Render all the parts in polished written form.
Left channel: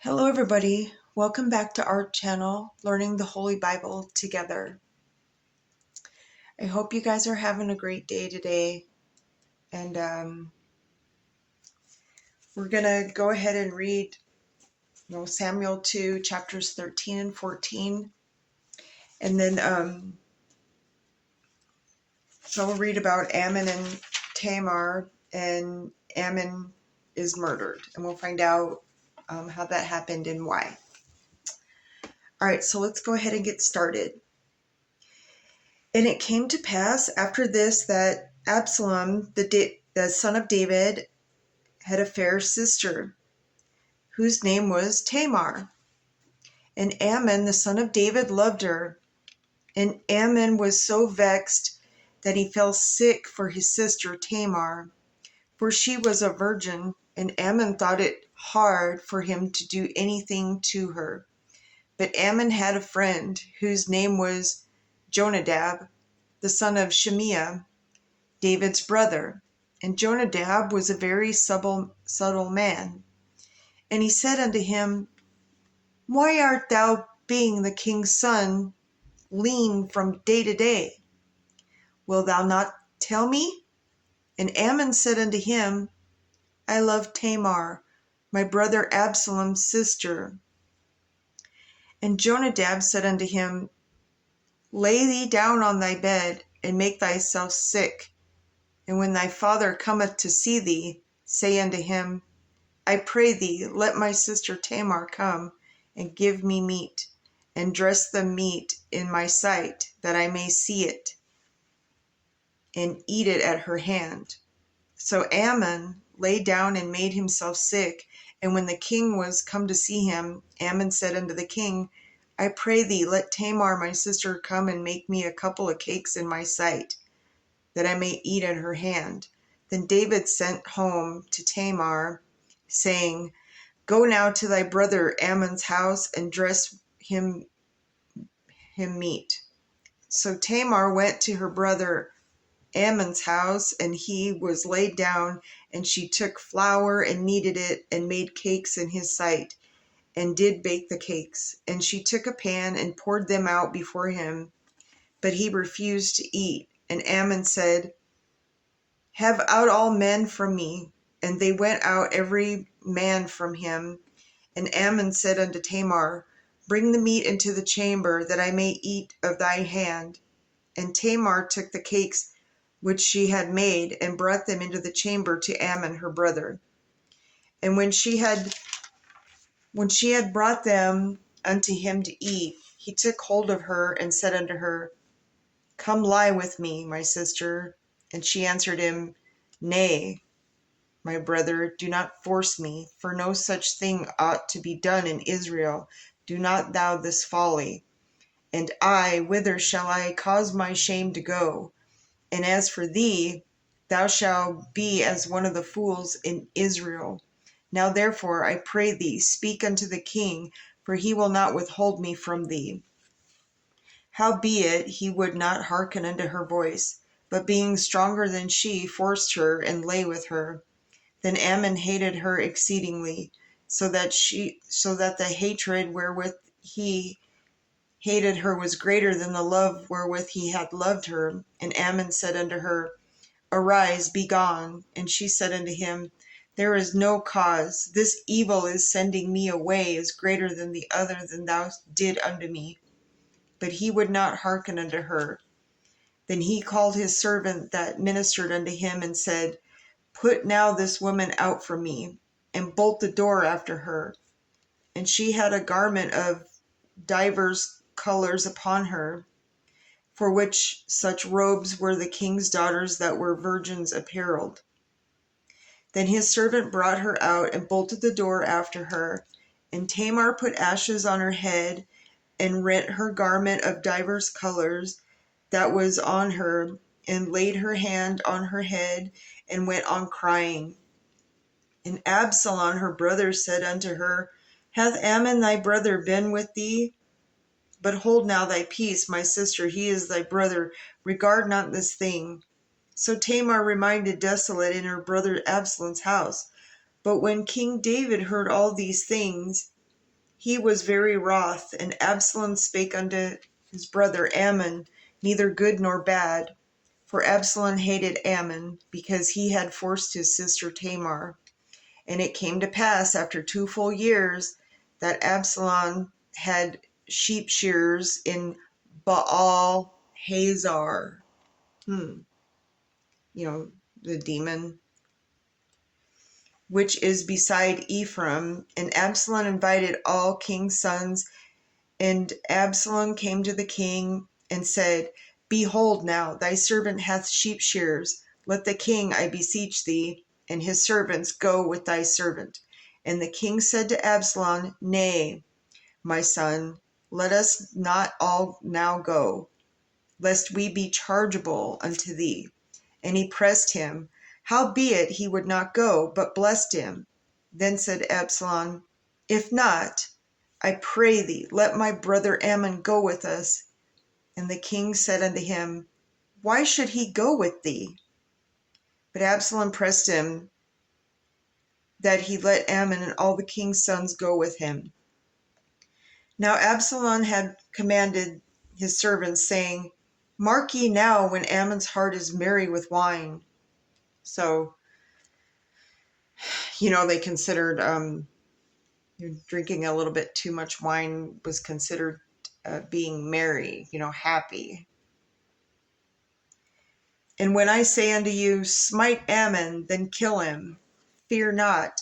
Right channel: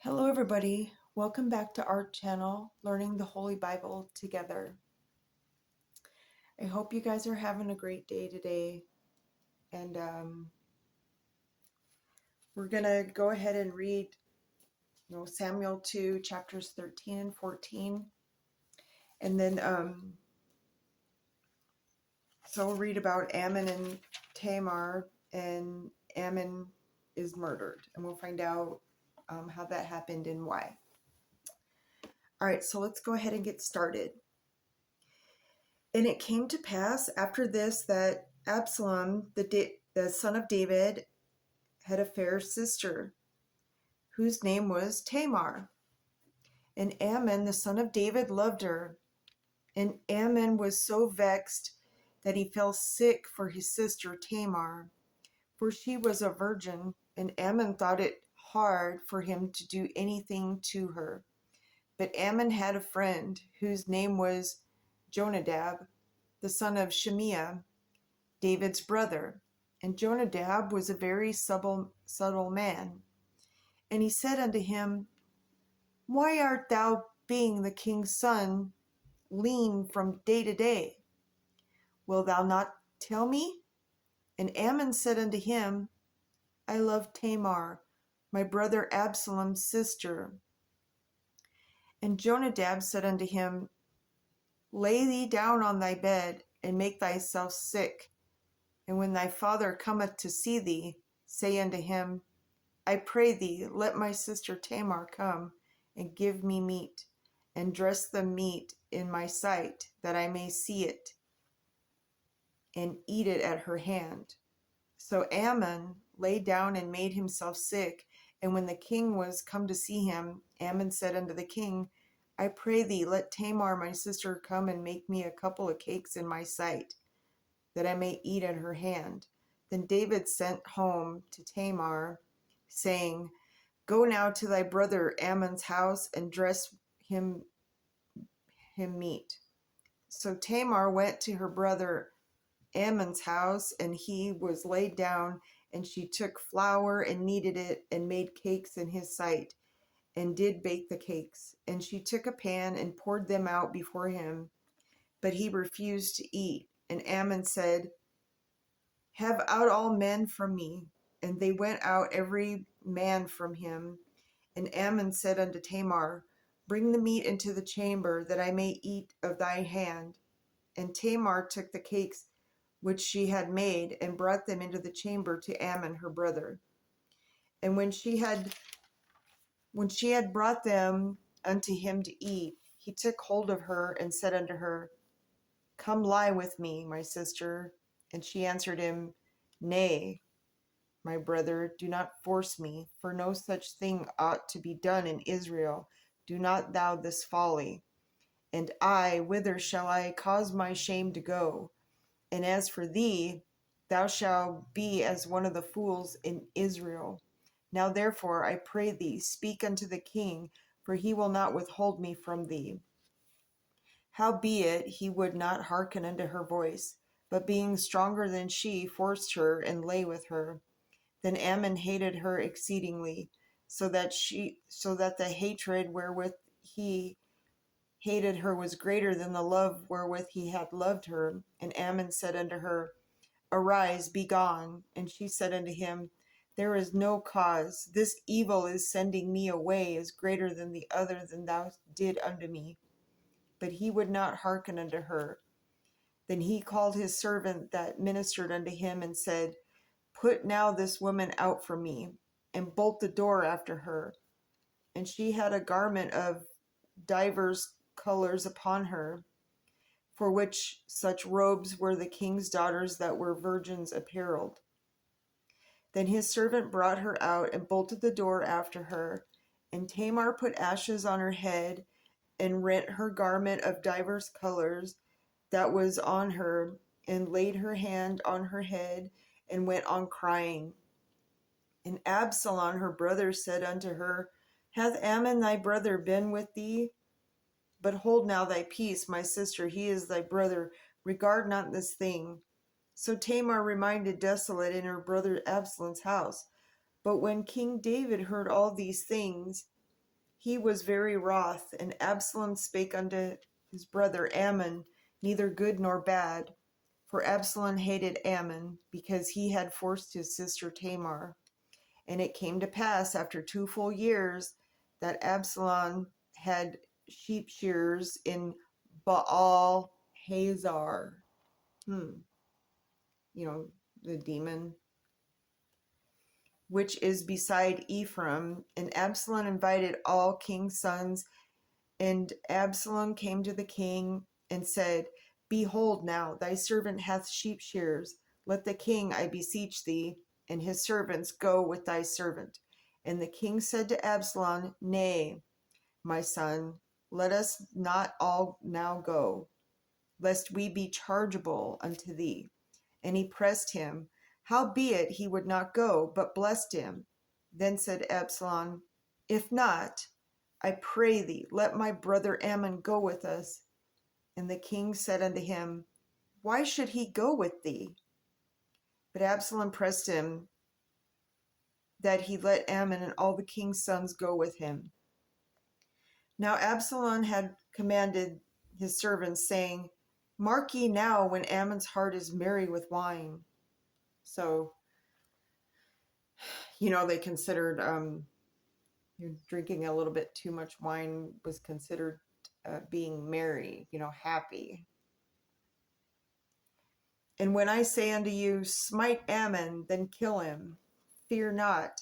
Hello everybody, welcome back to our channel, Learning the Holy Bible Together. I hope you guys are having a great day today, and we're going to go ahead and read Samuel 2, chapters 13 and 14, and then so we'll read about Ammon and Tamar, and Ammon is murdered, and we'll find out how that happened and why. Alright, so let's go ahead and get started. And it came to pass after this that Absalom, the son of David, had a fair sister, whose name was Tamar. And Ammon, the son of David, loved her. And Ammon was so vexed that he fell sick for his sister Tamar, for she was a virgin, and Ammon thought it hard for him to do anything to her. But Ammon had a friend, whose name was Jonadab, the son of Shimea, David's brother. And Jonadab was a very subtle man. And he said unto him, Why art thou, being the king's son, lean from day to day? Wilt thou not tell me? And Ammon said unto him, I love Tamar, my brother Absalom's sister. And Jonadab said unto him, Lay thee down on thy bed, and make thyself sick. And when thy father cometh to see thee, say unto him, I pray thee, let my sister Tamar come, and give me meat, and dress the meat in my sight, that I may see it, and eat it at her hand. So Ammon lay down and made himself sick. And when the king was come to see him, Ammon said unto the king, I pray thee, let Tamar my sister come and make me a couple of cakes in my sight, that I may eat at her hand. Then David sent home to Tamar, saying, Go now to thy brother Ammon's house, and dress him meat. So Tamar went to her brother Ammon's house, and he was laid down, and she took flour and kneaded it, and made cakes in his sight, and did bake the cakes. And she took a pan and poured them out before him, but he refused to eat. And Ammon said, Have out all men from me. And they went out every man from him. And Ammon said unto Tamar, Bring the meat into the chamber, that I may eat of thy hand. And Tamar took the cakes which she had made, and brought them into the chamber to Ammon her brother. And when she had brought them unto him to eat, he took hold of her, and said unto her, Come lie with me, my sister. And she answered him, Nay, my brother, do not force me, for no such thing ought to be done in Israel. Do not thou this folly. And I, whither shall I cause my shame to go? And as for thee, thou shalt be as one of the fools in Israel. Now therefore, I pray thee, speak unto the king, for he will not withhold me from thee. Howbeit he would not hearken unto her voice, but being stronger than she, forced her, and lay with her. Then Ammon hated her exceedingly, so that the hatred wherewith he hated her was greater than the love wherewith he had loved her. And Ammon said unto her, Arise, be gone. And she said unto him, There is no cause. This evil is sending me away is greater than the other than thou did unto me. But he would not hearken unto her. Then he called his servant that ministered unto him, and said, Put now this woman out from me, and bolt the door after her. And she had a garment of divers colors upon her, for which such robes were the king's daughters that were virgins apparelled. Then his servant brought her out, and bolted the door after her. And Tamar put ashes on her head, and rent her garment of divers colors that was on her, and laid her hand on her head, and went on crying. And Absalom her brother said unto her, Hath Ammon thy brother been with thee? But hold now thy peace, my sister, he is thy brother. Regard not this thing. So Tamar remained desolate in her brother Absalom's house. But when King David heard all these things, he was very wroth, and Absalom spake unto his brother Ammon, neither good nor bad. For Absalom hated Ammon, because he had forced his sister Tamar. And it came to pass after 2 full years that Absalom had sheep shearers in Baal Hazor. The demon, which is beside Ephraim. And Absalom invited all king's sons. And Absalom came to the king and said, Behold now, thy servant hath sheep shearers. Let the king, I beseech thee, and his servants go with thy servant. And the king said to Absalom, Nay, my son, let us not all now go, lest we be chargeable unto thee. And he pressed him. Howbeit he would not go, but blessed him. Then said Absalom, If not, I pray thee, let my brother Ammon go with us. And the king said unto him, Why should he go with thee? But Absalom pressed him that he let Ammon and all the king's sons go with him. Now Absalom had commanded his servants, saying, Mark ye now when Ammon's heart is merry with wine. So, they considered drinking a little bit too much wine was considered being merry, happy. And when I say unto you, Smite Ammon, then kill him, fear not.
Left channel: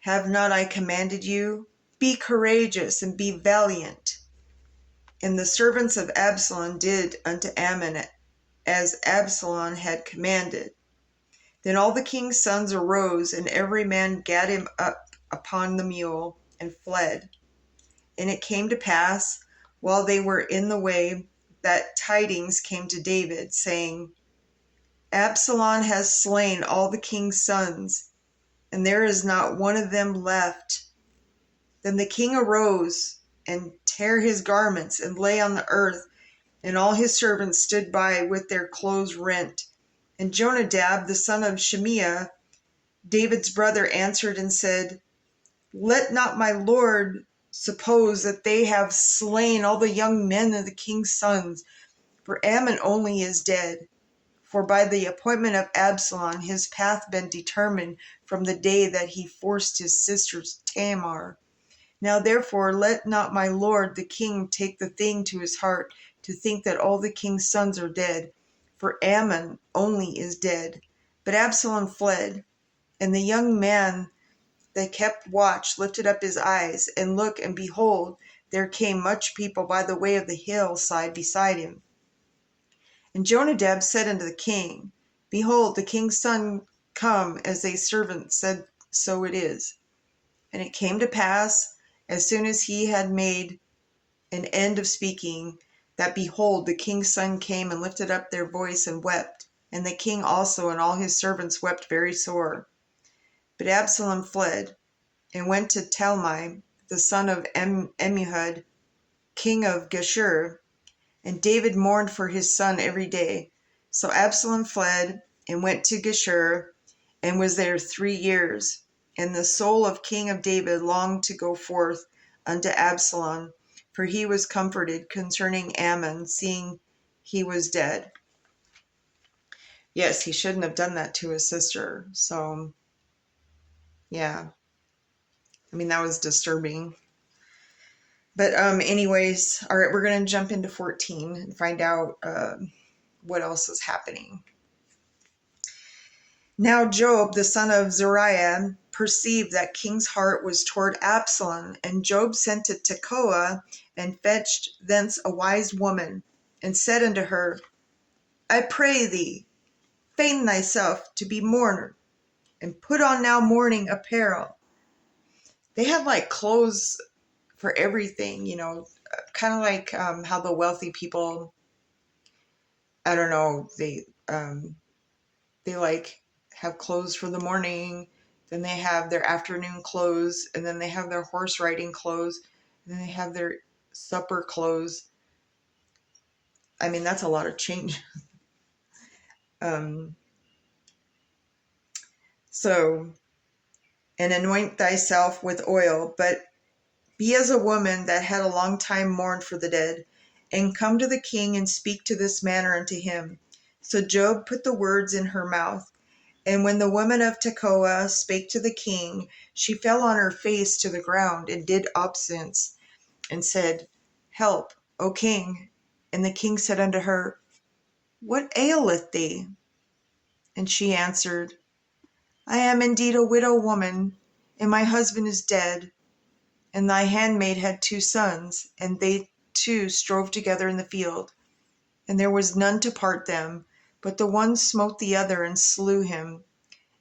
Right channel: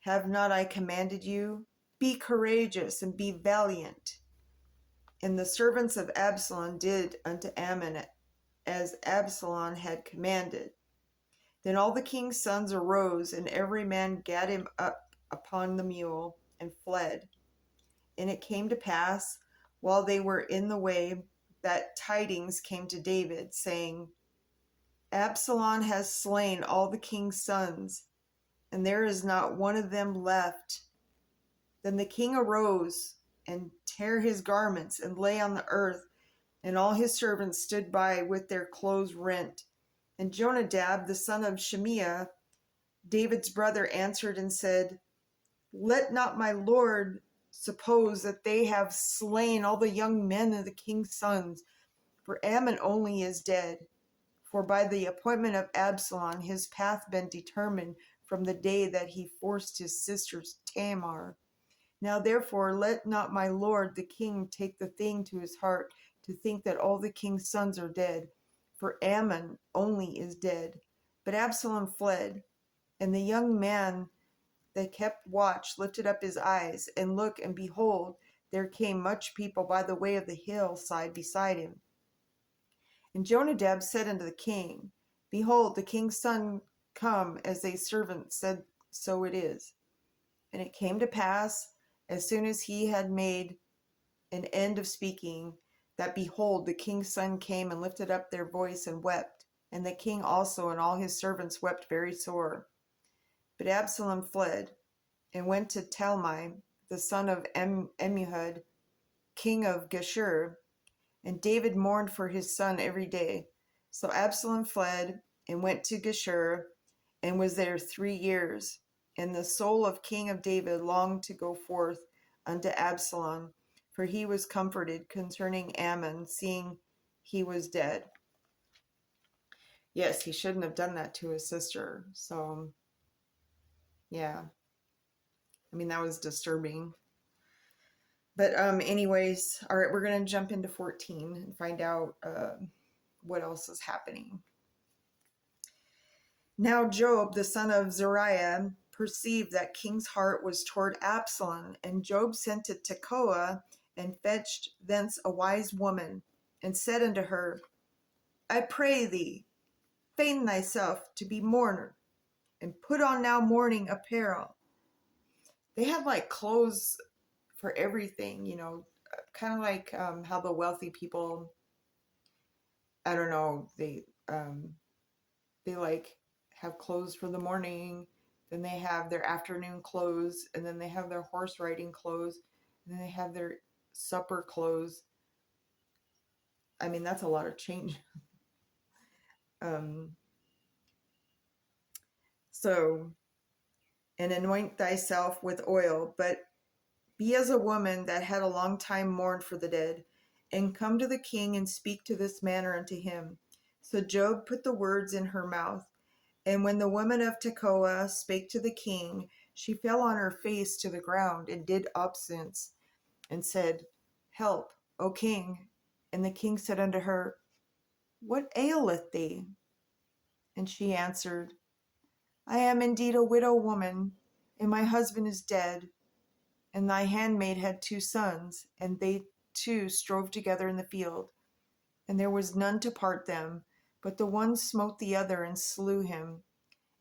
Have not I commanded you? Be courageous and be valiant. And the servants of Absalom did unto Ammon as Absalom had commanded. Then all the king's sons arose, and every man gat him up upon the mule, and fled. And it came to pass, while they were in the way, that tidings came to David, saying, Absalom has slain all the king's sons, and there is not one of them left. Then the king arose, and tare his garments, and lay on the earth, and all his servants stood by with their clothes rent. And Jonadab, the son of Shimea, David's brother, answered and said, Let not my lord suppose that they have slain all the young men of the king's sons, for Ammon only is dead. For by the appointment of Absalom his path been determined from the day that he forced his sister Tamar. Now therefore let not my lord the king take the thing to his heart, to think that all the king's sons are dead, for Ammon only is dead. But Absalom fled, and the young man that kept watch lifted up his eyes, and looked, and behold, there came much people by the way of the hillside beside him. And Jonadab said unto the king, Behold, the king's son come, as thy servant said, so it is. And it came to pass, as soon as he had made an end of speaking, that behold, the king's son came and lifted up their voice and wept. And the king also and all his servants wept very sore. But Absalom fled, and went to Talmai, the son of Ammihud, king of Geshur. And David mourned for his son every day. So Absalom fled, and went to Geshur, and was there 3 years. And the soul of King of David longed to go forth unto Absalom, for he was comforted concerning Ammon, seeing he was dead. Yes, he shouldn't have done that to his sister. So, yeah. That was disturbing. But anyways, all right, we're going to jump into 14 and find out what else is happening. Now Job, the son of Zeruiah, perceived that king's heart was toward Absalom, and Job sent to Tekoa, and fetched thence a wise woman, and said unto her, I pray thee, feign thyself to be mourner, and put on now mourning apparel. They had like clothes for everything, kind of like how the wealthy people, I don't know, they like have clothes for the morning, then they have their afternoon clothes, and then they have their horse riding clothes, and then they have their supper clothes. I mean, that's a lot of change. um, so, and anoint thyself with oil, but be as a woman that had a long time mourned for the dead, and come to the king and speak to this manner unto him. So Job put the words in her mouth. And when the woman of Tekoa spake to the king, she fell on her face to the ground and did obeisance, and said, Help, O king. And the king said unto her, What aileth thee? And she answered, I am indeed a widow woman, and my husband is dead. And thy handmaid had 2 sons, and they 2 strove together in the field. And there was none to part them, but the one smote the other and slew him.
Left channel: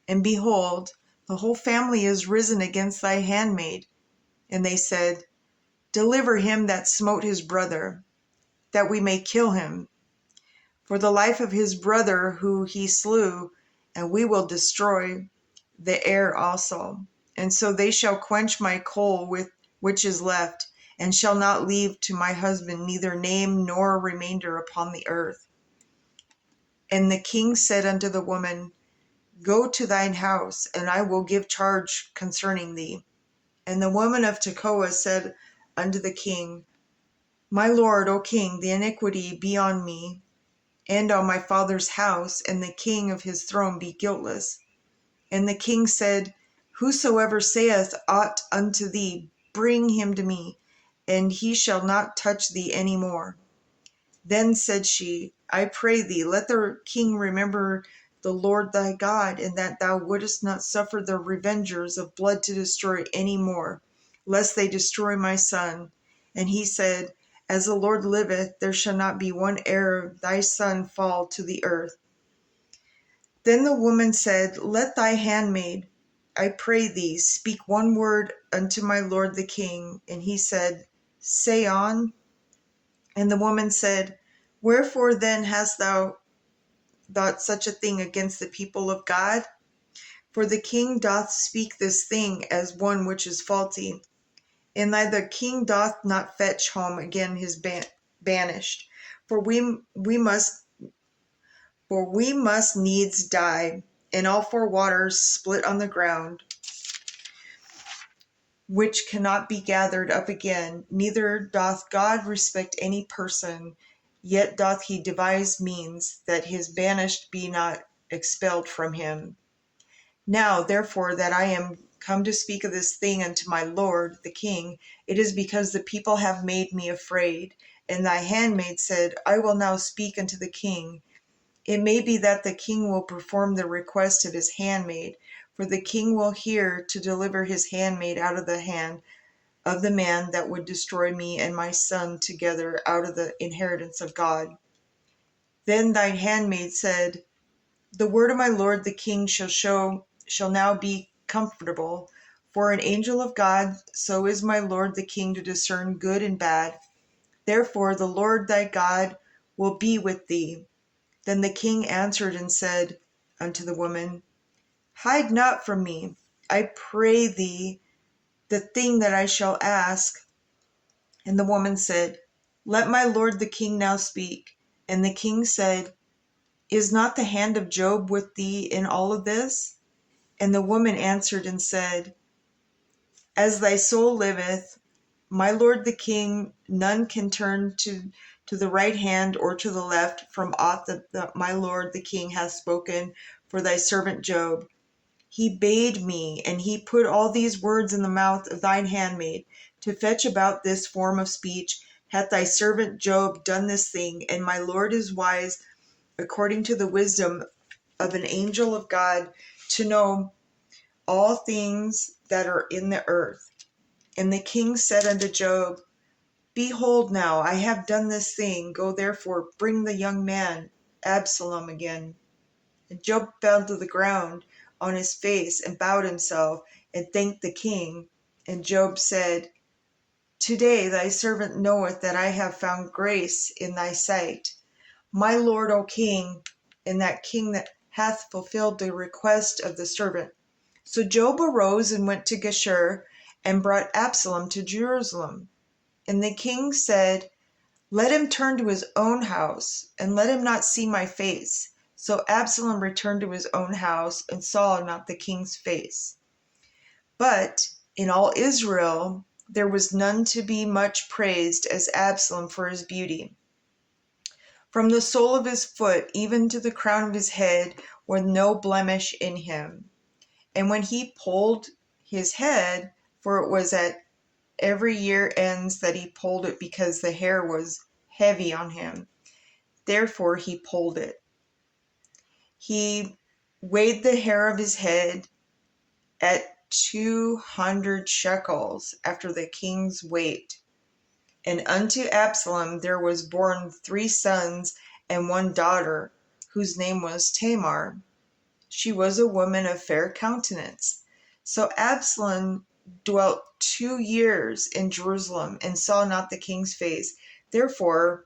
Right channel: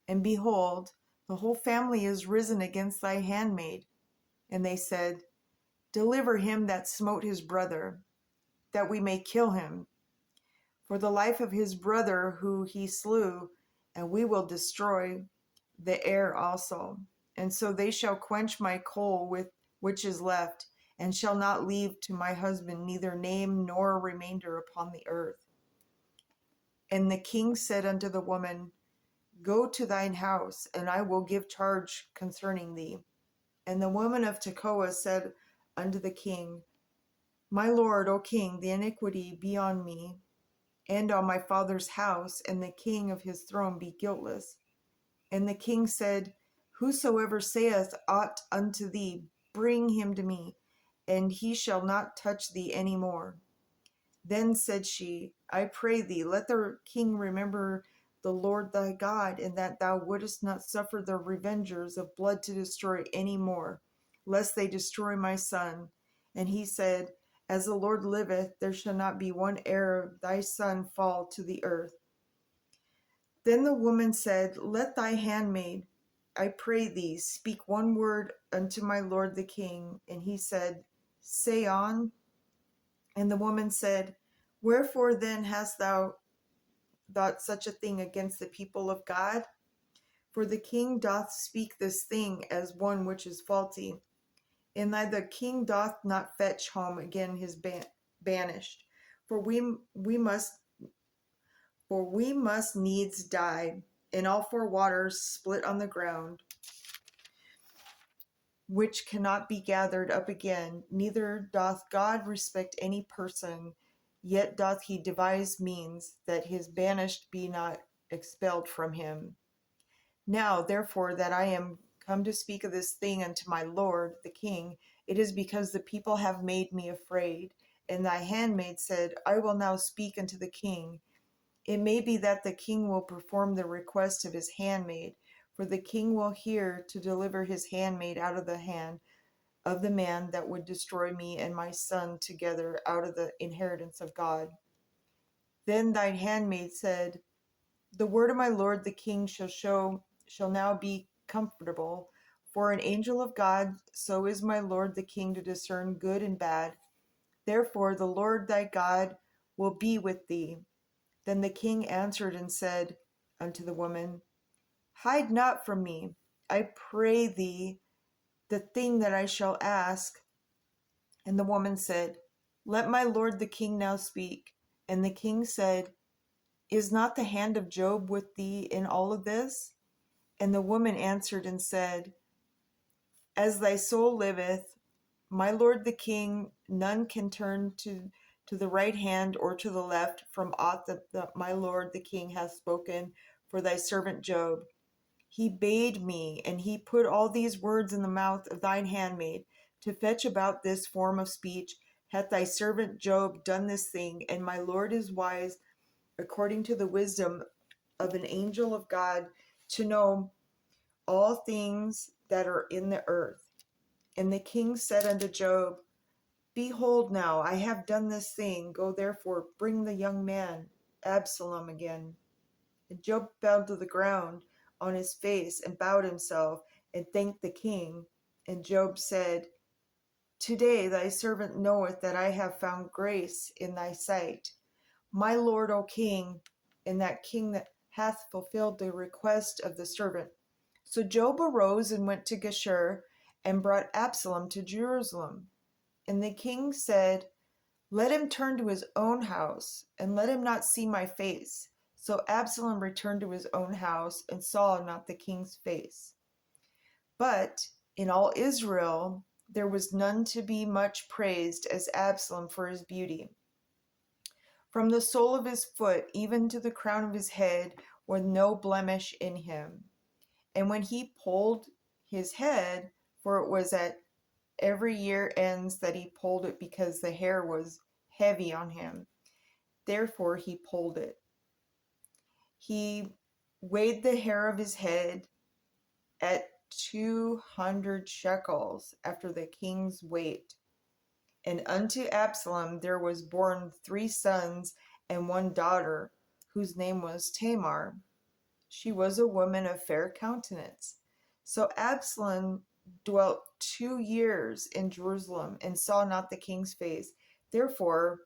And behold, the whole family is risen against thy handmaid. And they said, Deliver him that smote his brother, that we may kill him, for the life of his brother who he slew, and we will destroy the heir also. And so they shall quench my coal with which is left, and shall not leave to my husband neither name nor remainder upon the earth. And the king said unto the woman, Go to thine house, and I will give charge concerning thee. And the woman of Tekoa said unto the king, My lord, O king, the iniquity be on me, and on my father's house, and the king of his throne be guiltless. And the king said, Whosoever saith aught unto thee, bring him to me, and he shall not touch thee any more. Then said she, I pray thee, let the king remember the Lord thy God, and that thou wouldest not suffer the revengers of blood to destroy any more, lest they destroy my son. And he said, As the Lord liveth, there shall not be one heir of thy son fall to the earth. Then the woman said, Let thy handmaid, I pray thee, speak one word unto my lord the king. And he said, Say on. And the woman said, Wherefore then hast thou thought such a thing against the people of God? For the king doth speak this thing as one which is faulty. And the king doth not fetch home again his banished. For we must needs die, and all 4 waters split on the ground, which cannot be gathered up again. Neither doth God respect any person, yet doth he devise means that his banished be not expelled from him. Now, therefore, that I am come to speak of this thing unto my lord the king, it is because the people have made me afraid. And thy handmaid said, I will now speak unto the king. It may be that the king will perform the request of his handmaid, for the king will hear to deliver his handmaid out of the hand of the man that would destroy me and my son together out of the inheritance of God. Then thine handmaid said, The word of my lord the king shall now be comfortable, for an angel of God, so is my lord the king to discern good and bad. Therefore the Lord thy God will be with thee. Then the king answered and said unto the woman, Hide not from me, I pray thee, the thing that I shall ask. And the woman said, Let my lord the king now speak. And the king said, Is not the hand of Job with thee in all of this? And the woman answered and said, As thy soul liveth, my lord the king, none can turn to the right hand or to the left from aught that my lord the king hath spoken for thy servant Job. He bade me, and he put all these words in the mouth of thine handmaid, to fetch about this form of speech. Hath thy servant Job done this thing? And my lord is wise, according to the wisdom of an angel of God, to know all things that are in the earth. And the king said unto Job, Behold now, I have done this thing. Go therefore, bring the young man Absalom again. And Job fell to the ground on his face and bowed himself and thanked the king. And Job said, Today thy servant knoweth that I have found grace in thy sight, my lord, O king, and that king that hath fulfilled the request of the servant. So Job arose and went to Geshur, and brought Absalom to Jerusalem. And the king said, "Let him turn to his own house, and let him not see my face." So Absalom returned to his own house and saw not the king's face. But in all Israel there was none to be much praised as Absalom for his beauty. From the sole of his foot even to the crown of his head was no blemish in him. And when he pulled his head, for it was at every year ends that he pulled it, because the hair was heavy on him, therefore he pulled it. He weighed the hair of his head at 200 shekels after the king's weight. And unto Absalom there was born 3 sons and 1 daughter, whose name was Tamar. She was a woman of fair countenance. So Absalom dwelt 2 years in Jerusalem and saw not the king's face. Therefore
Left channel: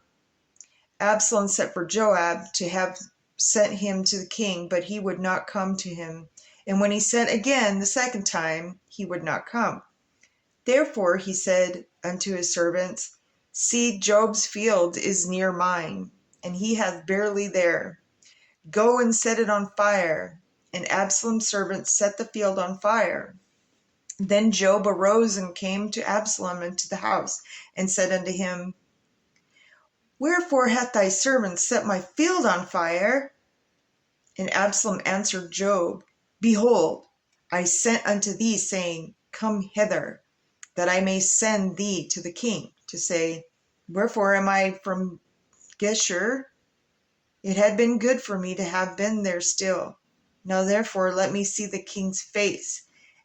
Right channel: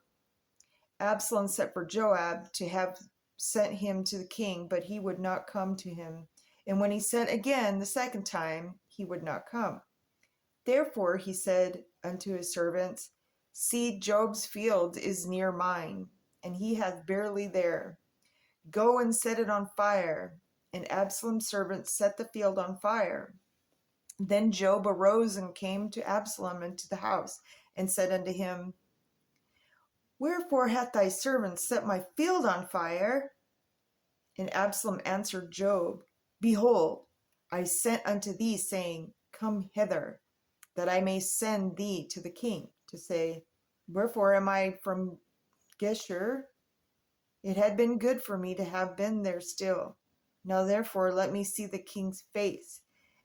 Absalom sent for Joab to have sent him to the king, but he would not come to him. And when he sent again the second time, he would not come. Therefore he said unto his servants, See, Job's field is near mine, and he hath barley there. Go and set it on fire. And Absalom's servants set the field on fire. Then Job arose and came to Absalom into the house, and said unto him, Wherefore hath thy servant set my field on fire? And Absalom answered Job, Behold, I sent unto thee, saying, Come hither, that I may send thee to the king, to say, Wherefore am I from Geshur? It had been good for me to have been there still. Now therefore let me see the king's face,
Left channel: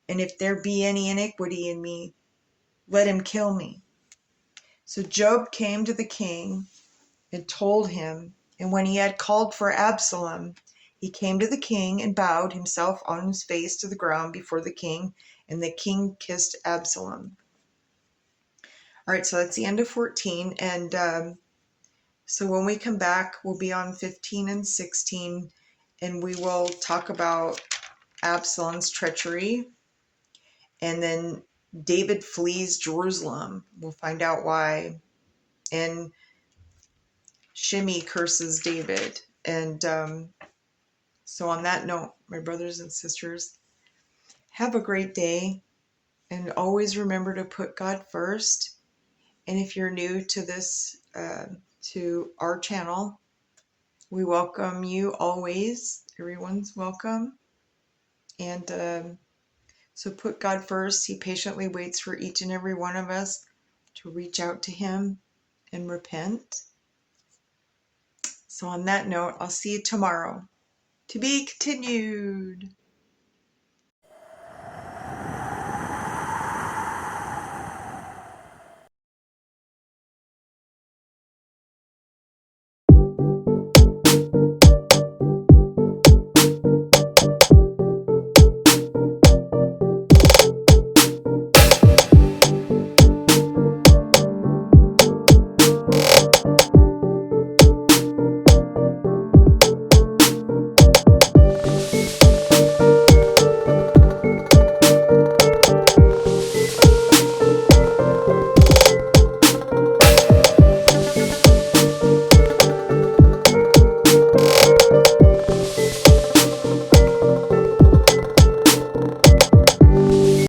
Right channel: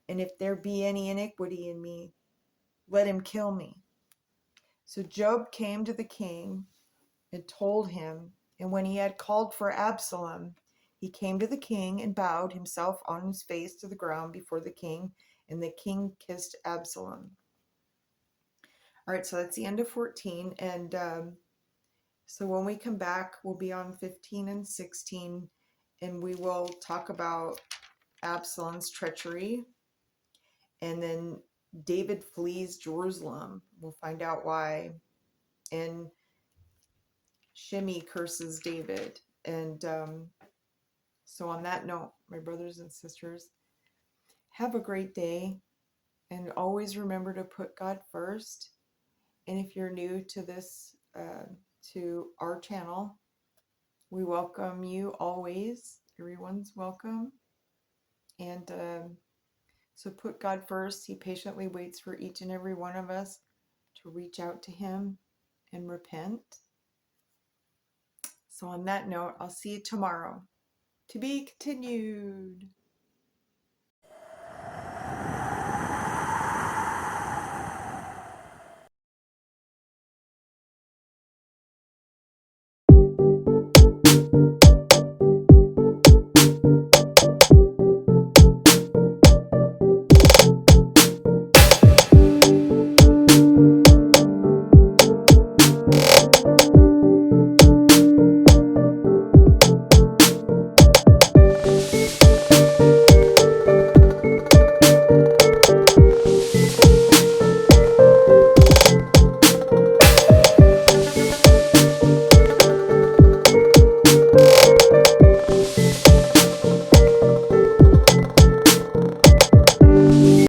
and if there be any iniquity in me, let him kill me. So Job came to the king and told him, and when he had called for Absalom, he came to the king and bowed himself on his face to the ground before the king, and the king kissed Absalom. All right, so that's the end of 14, and so when we come back, we'll be on 15 and 16, and we will talk about Absalom's treachery, and then David flees Jerusalem. We'll find out why, and Shimei curses David. And so on that note, my brothers and sisters, have a great day, and always remember to put God first. And if you're new to this, to our channel, we welcome you always. Everyone's welcome. And so put God first. He patiently waits for each and every one of us to reach out to him and repent. So on that note, I'll see you tomorrow. To be continued.